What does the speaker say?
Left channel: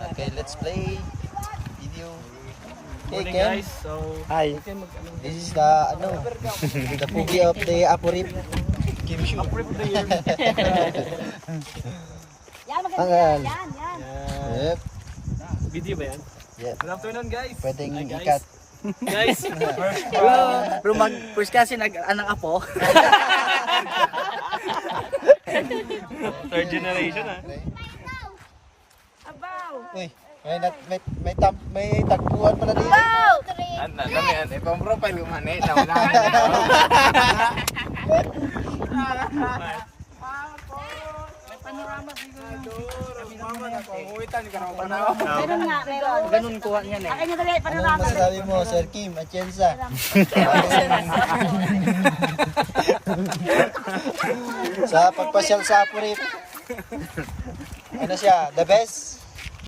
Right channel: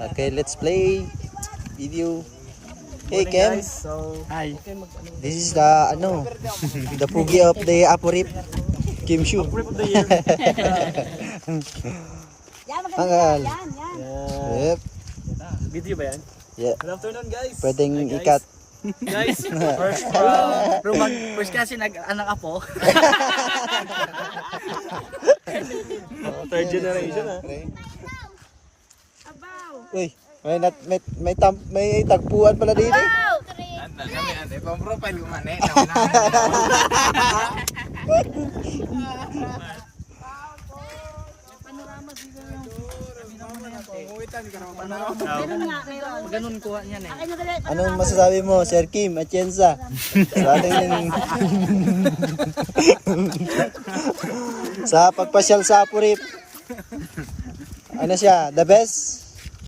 Okay, let's play video. Hey Kem. So, Hi. This is the the pugi of the Aporip. Kim Shu. Yan, Tanggal. yan, yan. Yep. video ba yan? Yeah. Good afternoon guys. Pwedeng Hi, guys. ikat. Guys, Rumag, first kasi anak apo. third generation Abaw! Uy, may tagpuan pala dito. Abaw! Dami an, ipang profile ko man eh. Panorama siguro. Meron nga, meron. Ganun kuha niyan eh. Akin yung dali, Anong panorama. masasabi mo, Sir Kim Atienza? Sa pagpasyal sa Aporip. Ano siya? The best?